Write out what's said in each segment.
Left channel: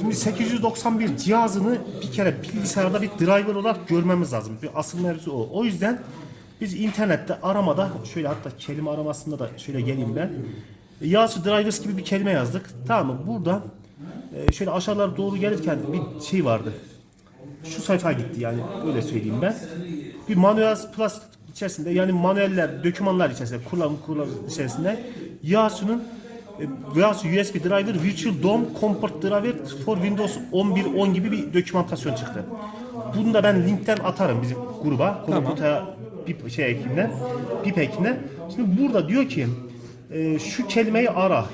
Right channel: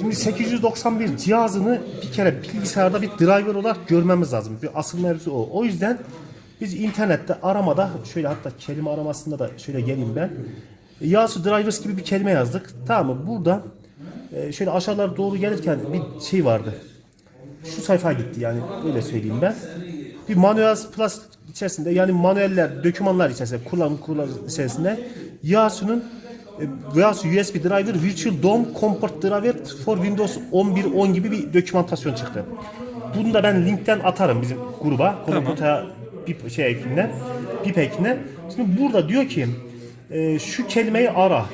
Şimdi 891 cihazını bir kere bilgisayarda bir driver olarak görmemiz lazım. Bir asıl mevzu o. O yüzden biz internette aramada şöyle hatta kelime aramasında da şöyle geleyim ben. Yasu drivers gibi bir kelime yazdık. Tamam mı? Burada e, şöyle aşağılara doğru gelirken bir şey vardı. Şu sayfaya gitti yani öyle söyleyeyim ben. Bir manuel plus içerisinde yani manueller, dokümanlar içerisinde, kullanım kullanım içerisinde Yasu'nun Yasu USB driver Virtual DOM Comport driver for Windows 11.10 gibi bir dokümantasyon çıktı. Bunu da ben linkten atarım bizim gruba. Tamam. Bir şey ekine, pip ekine. Şimdi burada diyor ki e, şu kelimeyi ara.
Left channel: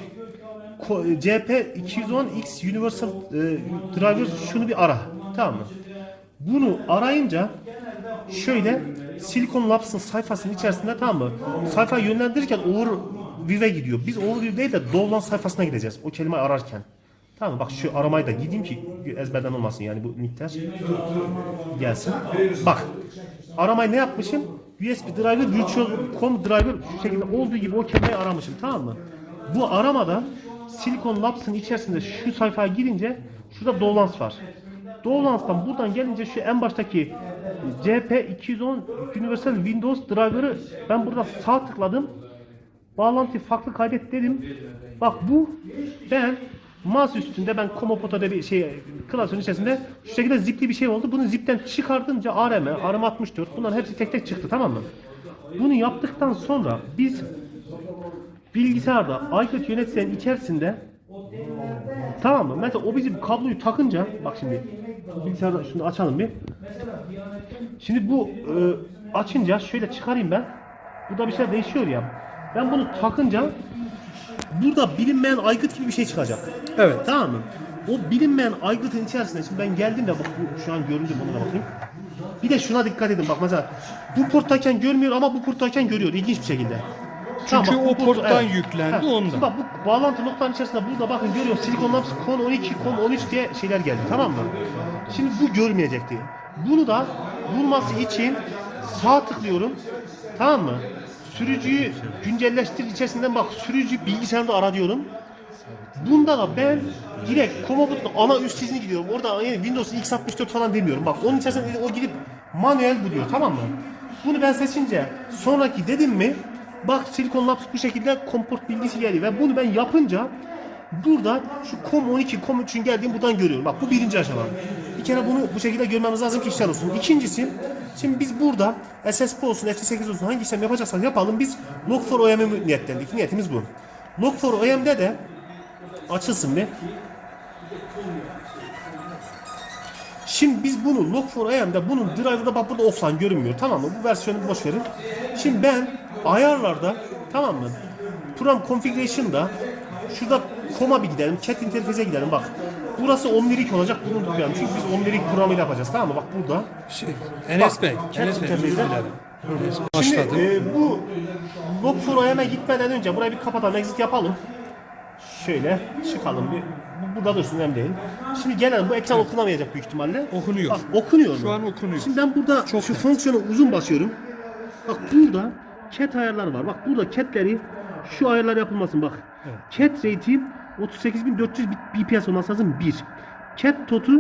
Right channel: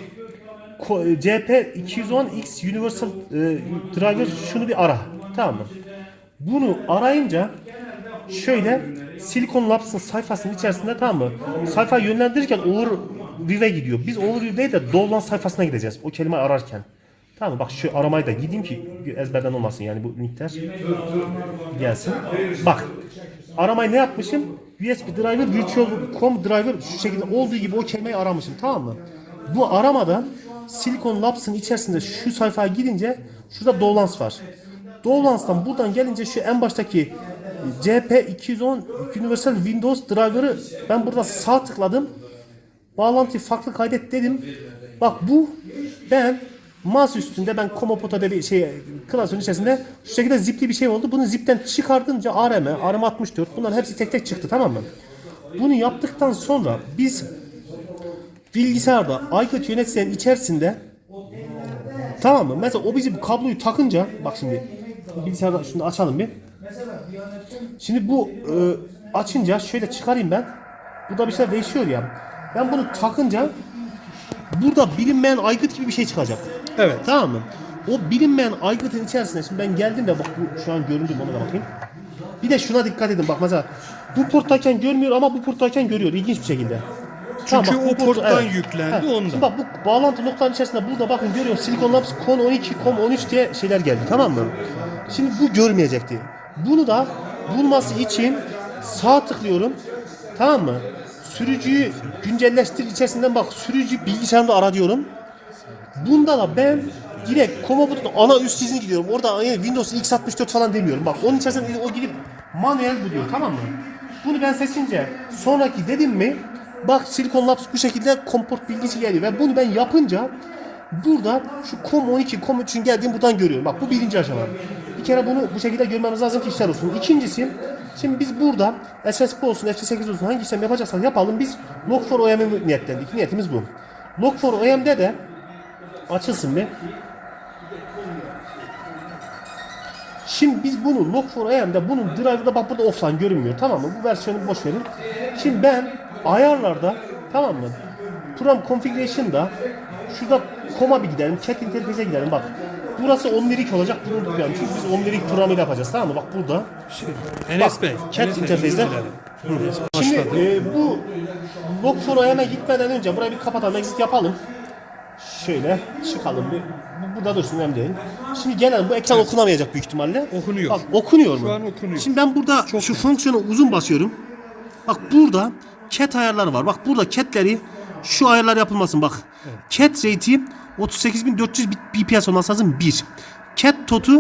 E, CP210X Universal e, Driver şunu bir ara. Tamam mı? Bunu arayınca şöyle Silicon Labs'ın sayfasının içerisinde tamam mı? Sayfayı yönlendirirken Overview'e gidiyor. Biz Overview değil de Dovlan sayfasına gideceğiz. O kelimeyi ararken. Tamam mı? Bak şu aramayı da gideyim ki ezberden olmasın yani bu linkler gelsin. Bak aramayı ne yapmışım? USB driver, virtual.com driver şu şekilde olduğu gibi o kelimeyi aramışım tamam mı? Bu aramada Silicon Labs'ın içerisinde şu sayfaya girince şurada Dovlans var. Dovlans'tan buradan gelince şu en baştaki CP210 Universal Windows driver'ı ben burada sağ tıkladım. Bağlantıyı farklı kaydet dedim. Bak bu ben masa üstünde ben Komopoto'da bir şey klasörün içerisinde şu şekilde zipli bir şey oldu. Bunu zipten çıkardınca ARM, ARM64 bunların hepsi tek tek çıktı tamam mı? Bunu yaptıktan sonra biz bilgisayarda iCloud yöneticilerin içerisinde tamam mı? Mesela o bizim kabloyu takınca bak şimdi bilgisayarda şunu açalım bir. Şimdi bu e, açınca şöyle çıkarayım ben. Burada bir şeyler değişiyor ya. Ben bunu takınca burada bilinmeyen aygıt gibi bir şey çıkacak. Evet. Tamam mı? O bilinmeyen aygıtın içerisinde şimdi ben geldim de bak bu şu an göründü bana da bakayım. Bir de şuna dikkat edin bak mesela bu porttayken görmüyor ama bu porttayken görüyor ilginç bir şekilde. Tamam, Çünkü bak, bu o port- porttan evet. yüklendi Evet. ondan. Şimdi bak bu bağlantı noktanın içerisinde burada bakın görüyor Silicon Labs CON 12, COM 13 diye şeyler geldi tamam mı? Şimdi bu görmeyecekti. Bunu da bulması için sağ tıklıyorum. Tamam mı? Sürücüyü güncelleştir içerisinden bak sürücü bilgisayarında ara diyorum. Bunda da ben direkt Commodore ana üst dizine gidiyorum. Orada yani Windows x64 falan demiyorum. Bak onun içerisinde o gidip manuel buluyor tamam mı? Bunu ben seçince sonraki dedim mi bak Silicon Labs bu şekilde komport bilgisi geliyor ve bunu ben yapınca burada şu COM 12, COM 3'ün geldiğini buradan görüyorum. Bak bu birinci aşama. Bir kere bunu bu şekilde görmemiz lazım ki işler olsun. İkincisi şimdi biz burada SSP olsun, FC8 olsun hangi işlem yapacaksak yapalım biz Log4OM'i niyetlendik. Niyetimiz bu. Log4OM'de de açılsın bir. Şimdi biz bunu Log4AM'de bunun driver'da bak burada offline görünmüyor tamam mı? Bu versiyonu boş verin. Şimdi ben ayarlarda tamam mı? Program configuration'da şurada koma bir gidelim. Cat interface'e gidelim bak. Burası omnirik olacak. Bunu unutmayalım. Çünkü biz omnirik programıyla yapacağız tamam mı? Bak burada. Şey, Enes Bey, Enes Bey interface'de- dilerim. Şimdi e, bu Log4OM'e gitmeden önce burayı bir kapatalım, exit yapalım. Şöyle çıkalım bir. Bu burada dursun önemli değil. Şimdi gelelim bu ekran okunamayacak büyük ihtimalle. Okunuyor. Bak okunuyor mu? Şu an okunuyor. Şimdi ben burada Çok şu net. fonksiyona uzun basıyorum. Bak burada cat ayarları var. Bak burada catleri şu ayarlar yapılmasın bak. Cat rate'i 38400 bit- bps olması lazım 1. Cat totu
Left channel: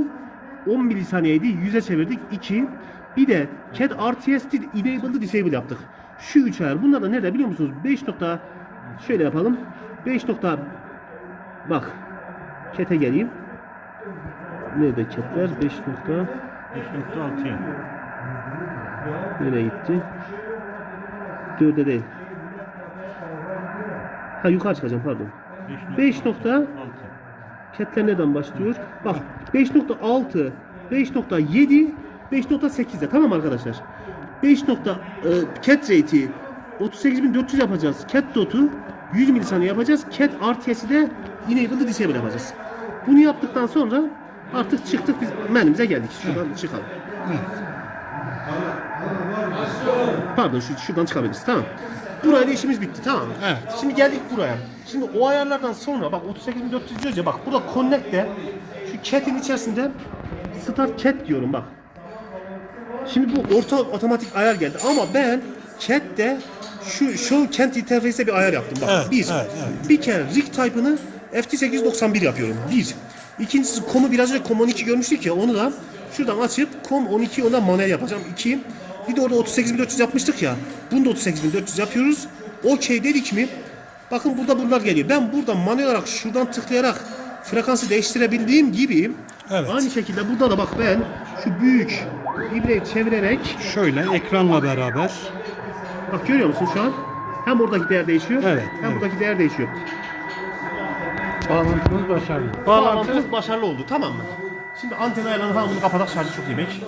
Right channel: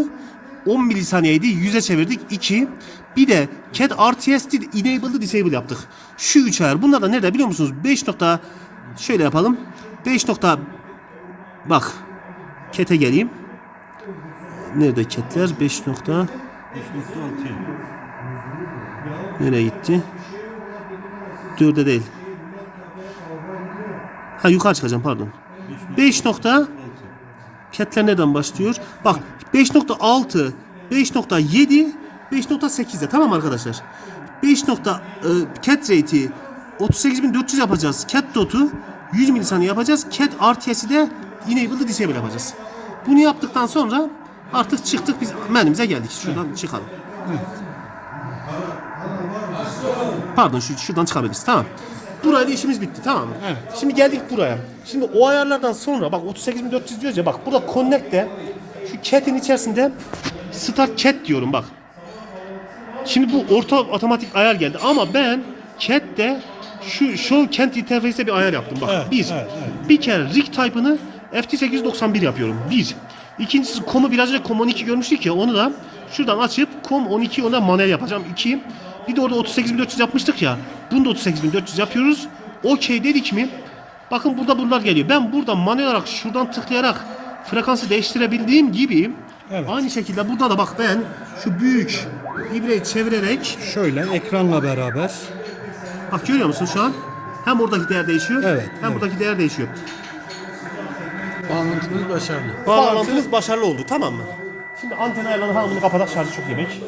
10 milisaniyeydi. 100'e çevirdik 2. Bir de cat RTS'di enabled'ı disable yaptık. Şu 3 ayar. Bunlar da nerede biliyor musunuz? 5 nokta şöyle yapalım. 5 nokta bak cat'e geleyim. Nerede cat'ler? 5 nokta Nereye gitti? Dörde değil. Ha yukarı çıkacağım pardon. 5 nokta Ketler nereden başlıyor? Bak 5.6, 5.7, 5.8'de tamam arkadaşlar? 5 nokta e, cat rate'i 38400 yapacağız. Cat dot'u 100 milisaniye yapacağız. Cat RTS'i de enable'ı disable yapacağız. Bunu yaptıktan sonra artık çıktık biz menümüze geldik. Şuradan çıkalım. Pardon şu, şuradan çıkabiliriz tamam. Burayla işimiz bitti tamam mı? Evet. Şimdi geldik buraya. Şimdi o ayarlardan sonra bak 38400 diyoruz ya bak burada connect'te şu cat'in içerisinde start cat diyorum bak. Şimdi bu orta otomatik ayar geldi ama ben cat'te şu show kent interface'e bir ayar yaptım bak. Evet, bir. evet, Bir kere rig type'ını FT891 yapıyorum. Bir. İkincisi komu biraz önce kom 12 görmüştük ya onu da şuradan açıp kom 12 ona manuel yapacağım 2. Bir de orada 38400 yapmıştık ya. Bunu da 38400 yapıyoruz. Okey dedik mi? Bakın burada bunlar geliyor. Ben burada manuel olarak şuradan tıklayarak frekansı değiştirebildiğim gibi Evet. aynı şekilde burada da bak ben şu büyük ibreyi çevirerek Şöyle ekranla beraber. bak görüyor musun şu an? Hem oradaki değer değişiyor Evet, hem evet. buradaki değer değişiyor. Bağlantımız başarılı. Bağlantımız başarılı oldu tamam mı? Şimdi anten ayarlarını falan bunu kapatak şarjı çok yemek.